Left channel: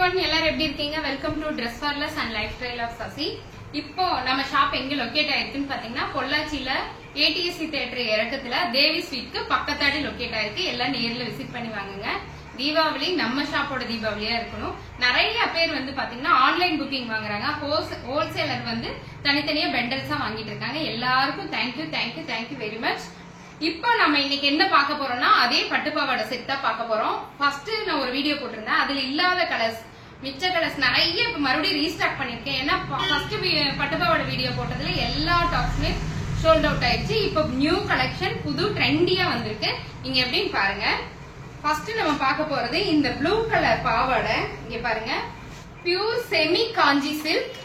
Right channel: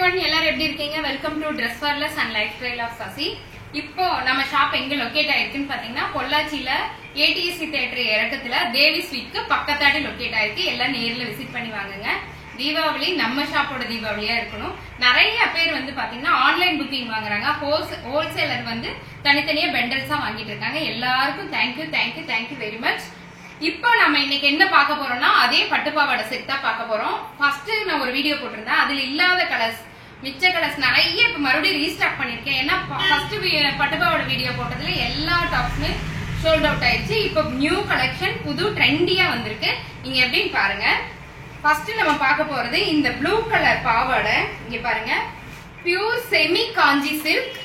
everyone, எல்லாரும் எப்படி இருக்கீங்க? Welcome to Dress Warless and Lifestyle of Sasi. இப்போ நம்ம ஷாப் எங்க லொகேட் ஆயிருக்குன்னு பாத்தீங்கன்னா பொள்ளாச்சியில ATC தியேட்டர் இறக்கத்துல தேவி ஸ்வீட்க்கு பக்கத்தாடி லொகேட் ஆயிருக்கு. எல்லாம் நேர்ல விசிட் பண்ணி வாங்குங்க. தீபாவளி நம்ம ஷாப்போட தீபாவளியா இருக்கணும். நிறைய பேர் வந்து பாத்தீங்கன்னா ஆன்லைன் புக்கிங் வாங்குறாங்க. ஹோல்சேலர் வந்து தனித்தனியா பெண்டல்ஸா வாங்கிட்டு இருக்காங்க. எல்லாருக்கும் தேங்க்யூ வெரி மச். இப்போ நம்ம இன்னைக்கு என்ன பார்க்க போறோம்னா அதே பட்டுப்பாவாடை செட் தான் பார்க்க போறோம். ஃபர்ஸ்ட் நான் ஒரு வீடியோ போட்டிருந்தேன். அதுல இல்லாத கலர்ஸ் மிச்ச கலர்ஸ் நிறைய இப்ப மறுபடியும் ரீஸ்டாக் பண்ணிருக்கேன். ஏன்னா ஃபர்ஸ்ட் பட்டுப்பாவாடை வீடியோ போட்டதுல எல்லா டாப்ஸுமே சோல்ட் அவுட் ஆயிடுச்சு. இப்போ நியூ கலெக்ஷன் புது ட்ரெண்டியா வந்திருக்கு. நீங்க எப்படின்னு பாருங்க. ஃபர்ஸ்ட் நம்ம பார்க்க போறது இந்த ப்ளூ கலர் பாவாடை. இங்க பாருங்க, பியூர் செமி காஞ்சி சில்க்.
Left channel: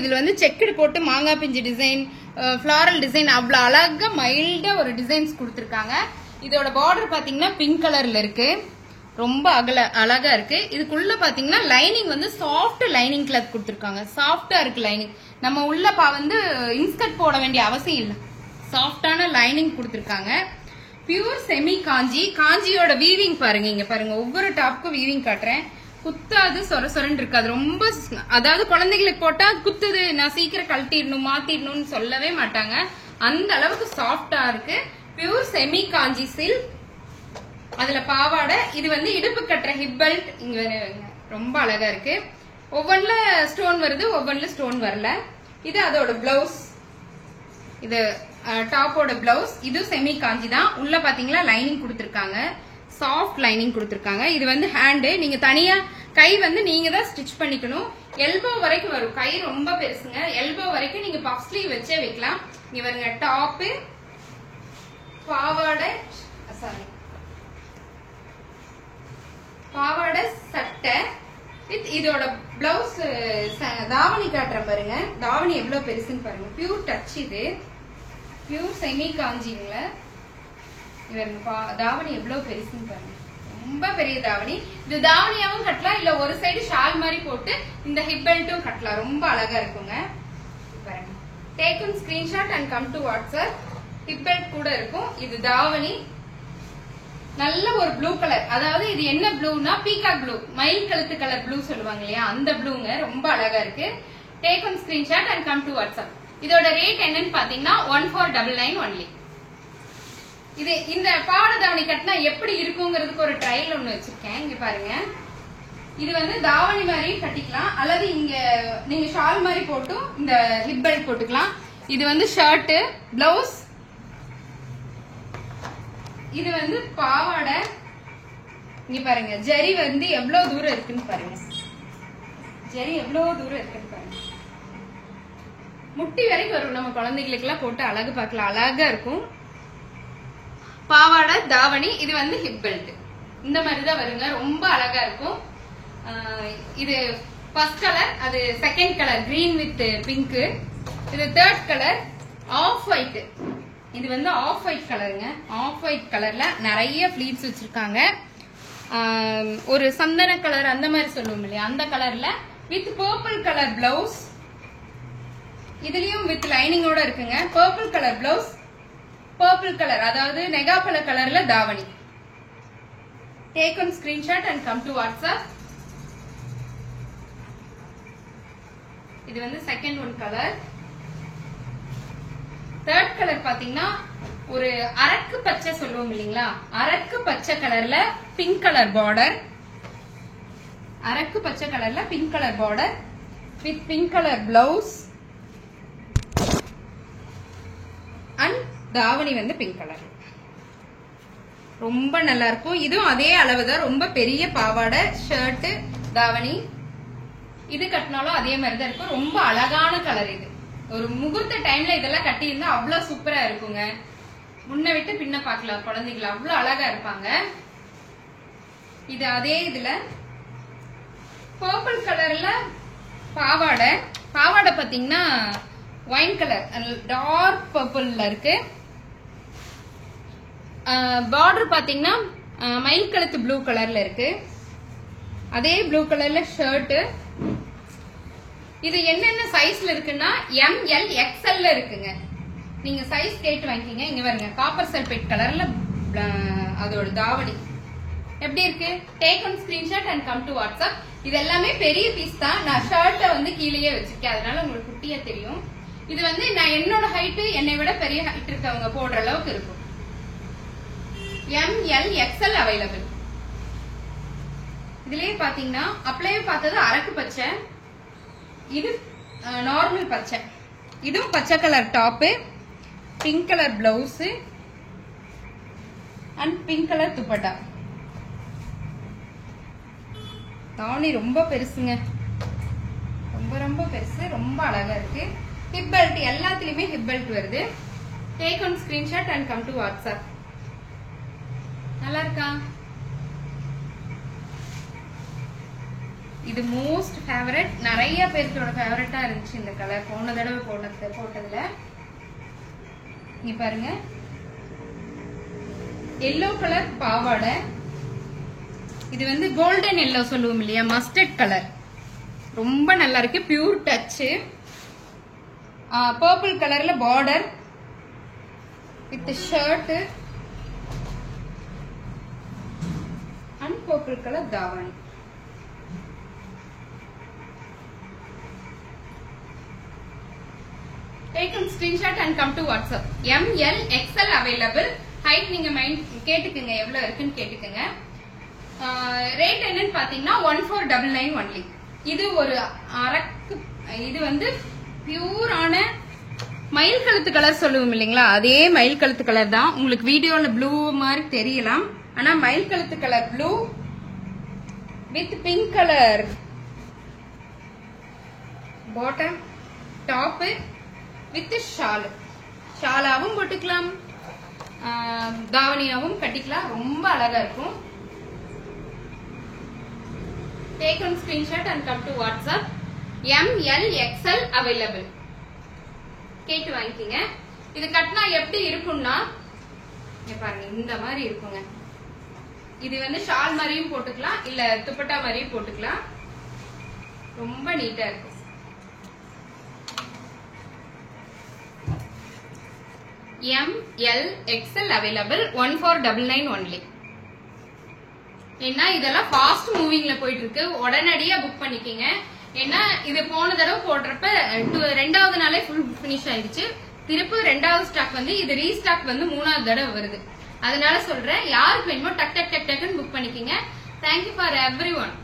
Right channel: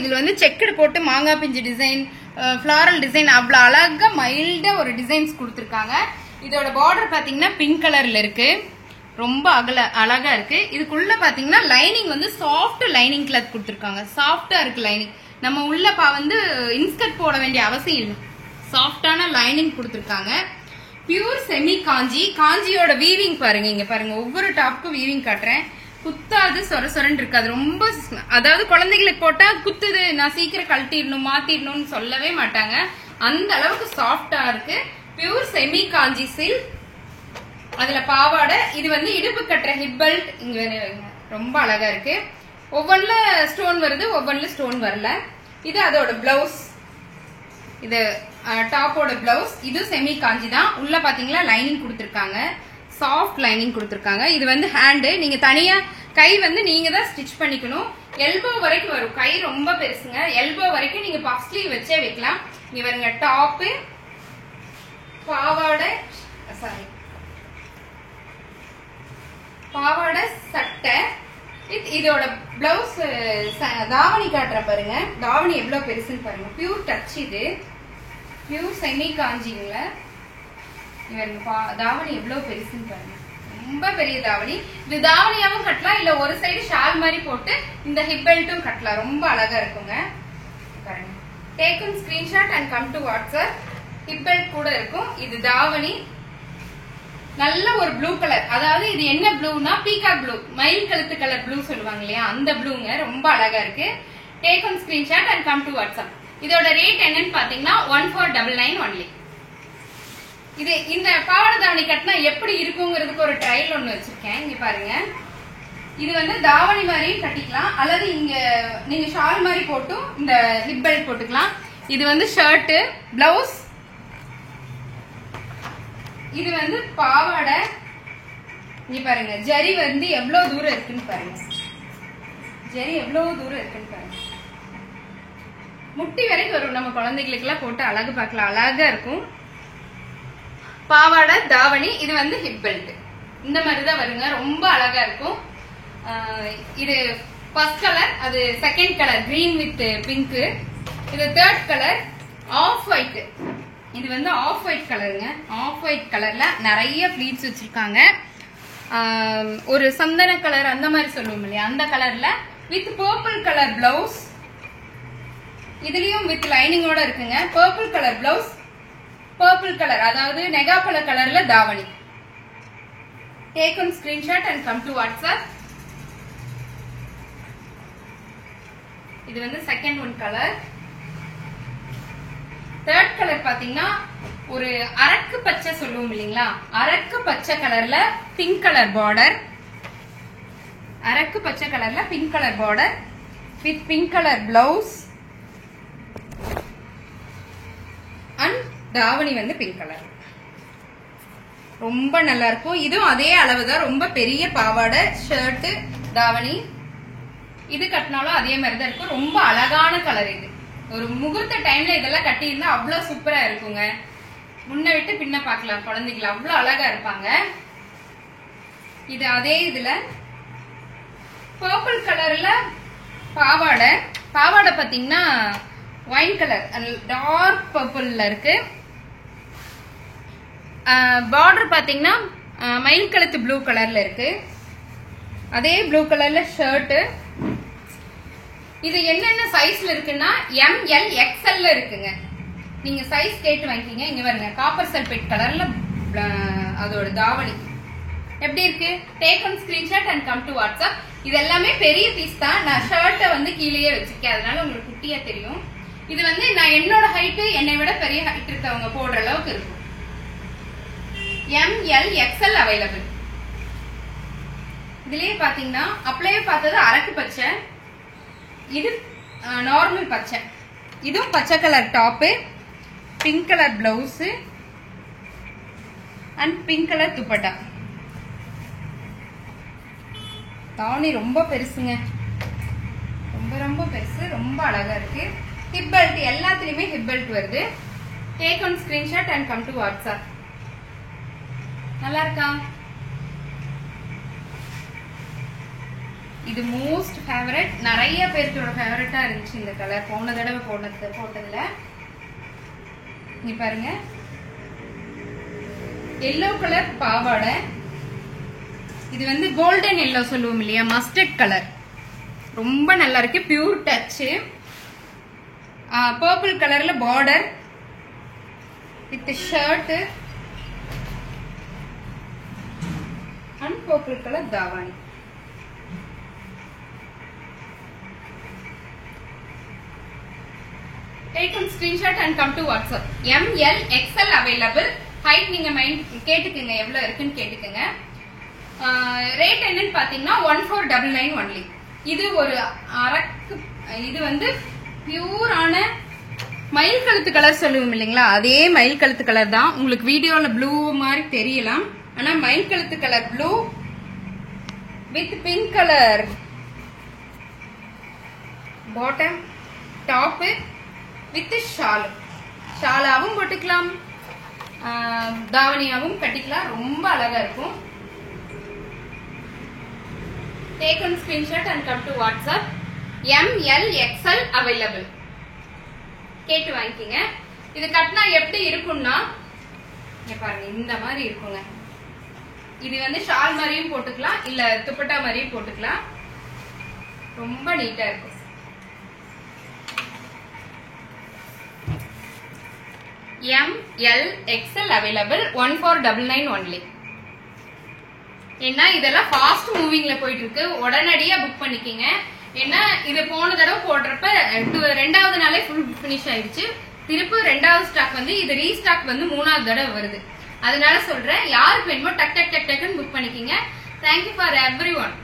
இதுல வந்து செக்குடு போட்டு மாங்காய் பிஞ்சு டிசைன், ஃபிளாரல் டிசைன், அவ்வளவு அழகா மைல்டா ஒரு டிசைன்ஸ் கொடுத்திருக்காங்க. இதோட பார்டர் பாத்தீங்கன்னா பிங்க் கலர்ல இருக்கு. ரொம்ப அழகா இருக்கு. இதுக்குள்ள பாத்தீங்கன்னா லைனிங் வந்து சாஃப்ட் லைனிங் கிளாத் கொடுத்திருக்காங்க. சாஃப்டா இருக்கு லைனிங். நம்ம உள்ள வந்து இன்ஸ்கர்ட் போட வேண்டிய அவசியம் இல்லை. சாஃப்டான லைனிங் கொடுத்திருக்காங்க. பியூர் செமி காஞ்சியோட வீவிங் பாருங்க. இங்க பாருங்க, ஒவ்வொரு டாப்க்கும் வீவிங் காட்டுறேன். குத்தாது, சொரன்னு இருக்காது. ரொம்ப அதாவது குழந்தைகளுக்கு போட்டா குத்துது, நான் சீக்கிரம் கழட்டிடணும் மாத்திடணும்னு சொல்லவே மாட்டாங்க. அந்த அளவுக்கு சாஃப்டா இருக்கு. பியூர் செமி காஞ்சி சில்க். அதுல பாவாடை. இது வந்து இடுப்பு கட்டுற ஹிப் பெல்ட். இங்க ரொம்ப அழகா இருக்கு. ஒவ்வொன்றுல ஸ்டோன் வருது, ஒவ்வொன்றுல ஸ்டோன் வரல. இது அதோட பிளவுஸ். இது டாப்போட பிளவுஸ். இது செமி காஞ்சி தான். உள்ள பாத்தீங்களா லைனிங் கொடுத்திருக்காங்க. சாஃப்ட் லைனிங் கொடுத்திருக்காங்க. இது வந்து ஹேண்டு. நீங்க தனியா கை வந்து நீங்க தான் ஸ்டிச் பண்ணிக்கணும். எல்போ வரைக்கும் வரும். கை ரொம்ப பெருசுங்க. எல்போ வரைக்கும் நீங்க பஃப் ஸ்லீவ் வச்சே வைக்கலாம். இங்க பாருங்க, டாப்பு, பாவாடை சட்டை. இதோட பிளவுஸ் தாவணி காட்டுற பாருங்க. தாவணி எவ்வளவு பெருசுன்னு பாருங்க. Pure touch. இது பியூர் செமி காஞ்சிங்க. இவங்க தாவணி எவ்வளவு பெருசுன்னு பாருங்க. ரொம்ப பெரிய தாவணி. இது தாவணியாவும் கட்டலாம், இல்ல ஒரு சைடு ஷால் மாதிரி போட்டு இந்த ஹிப் பெல்ட்டும் கட்டலாம். ரொம்ப அழகா இருக்குங்க. பாருங்க, take one screenshot and come to WhatsApp. Hip belt கூட இருக்கும். இது தாவணி. நல்ல ஒரு ப்ளூ கலர். அதாவது இது என்ன ப்ளூனா பீகாக் ப்ளூ, மயில் கழுத்து கலர் ப்ளூ சொல்லுவாங்க இல்லையா, அந்த ப்ளூங்க. ரொம்ப அழகா இருக்கு. Take one screenshot and come to WhatsApp. இதோட ரேட் என்னன்னு பாத்தீங்கன்னா 1499 ஒன்லி. இது இந்த பாவாடை தாவணி கட்டினா எப்படி இருக்குங்கிறதுக்கு ஒரு ட்ரையல் ஒண்ணு வச்சிருக்கேன். இங்க பாருங்க. இது வந்து தாவணி மாதிரி கட்டிக்கலாம், அல்லது இங்க நீங்க ஷால் மாதிரி போட்டும் இந்த ஹிப் பெல்ட் போட்டுக்கலாம். இது வந்து ஷர்ட், பிளவுஸ். இது வந்து பாவாடை. இங்க பாருங்க, ஜரி வந்து எவ்வளவு தூரம் இருக்குன்னு பாருங்க. ஜரி எவ்வளவு தூரம் இருக்குன்னு பாருங்க. முட்டி வரைக்கும் வரும். நம்ம குழந்தைகளுக்கு எல்லாம் போட்டு அழகு பார்க்கலாம். அழகா இருக்கும். பாவாடை தாவணி. இது வந்து ஹிப் பெல்ட். இந்த மாதிரிதான் வருங்க. ரொம்ப அழகா இருக்கும். இது ஃபர்ஸ்ட் கலர். அது second colour green with pink. இது தேர்ட் கலர் ஆஃப் ஒயிட். இது வந்து ஆஃப் ஒயிட் கலருங்க. ஆஃப் ஒயிட் கலர்ல நிறைய பிளீட்ஸ் வச்சிருக்காங்க. ஒரு சந்தன கலர் அந்த மாதிரி சொல்லுவோம் இல்லையா, அந்த கலர்ல வித் பர்பிள் கலர் பிளவுஸ். இதுலயும் வித் லைனிங்கோட இருக்குங்க. Purple colour blouse, purple colour அதாவது நெகாப்பழ கலர்ல தாவணி. Take one screenshot and come to WhatsApp. இது வந்து second one colour. Third colour பாத்தீங்கன்னா ஒரு அரக்கு பச்சை சொல்லுவோம் இல்லீங்களா, அரக்கு பச்சை கலர்ல பிங்க் கலர் பார்டர். அரக்கு பச்சை கலர்ல pink colour border with pink colour blouse and தாவணி வந்து பிங்க் கலர். ரொம்ப நல்லா இருக்கும். இதுவும் அதே அளவுதான். ரொம்ப பெரிய பாவாடை, ஷர்ட், தாவணி. இது கட்டினாலும் அதே மாதிரி தான் இருக்கும். ரொம்ப அழகான கலர். இது ஒரு முகூர்த்த டைம்ல இதெல்லாம் கட்டியிருந்தா அவ்வளவு சூப்பரா இருக்குங்க. முன்ன விட்டு பின்ன பாக்கலாம். குழந்தைகள் அவ்வளவு அழகா இருப்பாங்க. இது அதே இதுல பர்பிள் கலர்ல பாவாடை. பாவாடை பாத்தீங்கன்னா ஒயின் கலர், டார்க் பர்பிள்ல இருக்கு. பார்டர் பாத்தீங்கன்னா மயில் கழுத்து ப்ளூ கலர்ல இருக்கு. அதே ப்ளூ கலர்ல ஷர்ட். இது என்னென்ன சைஸ்ல இருக்குன்னா ML XL இருக்குங்க. நீங்க சைஸ் கேட்டு வாங்கிக்கீங்க. இங்க பாருங்க, காப்பர் சல்பேட் கலர்ல அதோட தாவணி. எப்படி இருக்கு? Take one screenshot and come to WhatsApp. இது எல்லாமே பெரிய பீஸ் தான். நான் ஷர்ட்டை வந்து கீழேயே வச்சிருக்கேன், அதனால உங்களுக்கு குட்டியா தெரியும். இது வந்து நான் என்னோட ஹைட் என்னை விட பெரிய ஹைட் இருக்கவங்க போடுற அளவுக்கு இருக்கும். ML XL available. இதுலயே பாத்தீங்கன்னா அப்படியே பார்த்தது அரக்கு பச்சை, இது நார்மல் பச்சை, இதுவும் பச்சை colour top, pink colour blouse and pink colour dupatta. தாவணி ரொம்ப பெருசுங்க, ரொம்ப ரொம்ப பெருசு, ரொம்ப அழகா இருக்கு. ஹிப் பெல்ட் எல்லாத்துலயுமே ஹிப் பெல்ட் வருது. Take one screenshot and come to WhatsApp. நல்லா இருக்கா? இது மோஸ்ட் ஃபேவரட், நிறைய பேருக்கோட ஃபேவரட்டா இருந்துச்சு இந்த கலர். போன தடவை போட்டதுல இங்க பாருங்க, எல்லோ கலர் பாவாடை. இது வந்து கோல்டன் எல்லோ சொல்லுவோம் இல்லையா, மஸ்டர்ட் கலர், ரொம்ப நல்லா இருக்கு. Pure touch. பர்பிள் கலர்ல border with shirt and purple colour தாவாணி. Take one screenshot and come to WhatsApp. ML XL available. Height நீங்க கேட்டுக்குங்க, எவ்வளவு இருக்குன்னு கேட்டுக்குங்க. ரேட் என்னன்னு பாத்தீங்கன்னா 1499 only. இது ஒரு அரக்கு, இது வந்து பியூரான மயில் கழுத்து கலர் சொல்லுவோம் இல்லைங்களா, அதே மயில் கழுத்து கலர் தான். உங்களுக்கு வீடியோல ப்ளூ மாதிரி தெரியலாம், ஆனா மயில் கழுத்து colour blue with pink colour bottom, top with ஷாலாவும் போட்டுக்கலாம், தாவணியாவும் கட்டிக்கலாம். ரொம்ப அழகா இருக்கும். Take one screenshot and come to WhatsApp. ML XL available. கேட்டு வாங்கிக்கங்க. இது கட்டினா எப்படி இருக்கும்னா, பாருங்க இந்த மாதிரி இருக்குங்க. இது வந்து ஷால் மாதிரியும் போட்டுக்கலாம், இல்ல துப்பட்டா மாதிரியும் போட்டுக்கலாம். ரொம்ப நீட்டா இருக்கும். ML XL available. 1499 only. ஏன்னா இதெல்லாம் ஃபாஸ்ட் மூவிங்ல போயிட்டு இருக்கு, உடனடியா புக் பண்ணிக்கங்க. ஏன்னா இது போன தடவை போடுறப்ப ரெண்டாவது நாளே ஃபுல் பினிஷ் ஆயிடுச்சு. திருப்பி ரெண்டாவது ஸ்டாக் வந்து இது ரீஸ்டாக் வந்து 3வது தடவை வருது. அதனால சொல்றேன், யாருக்கு வேணுமோ டக் டக் டக் டக்குன்னு புக் பண்ணிக்கங்க. Thank you for every one.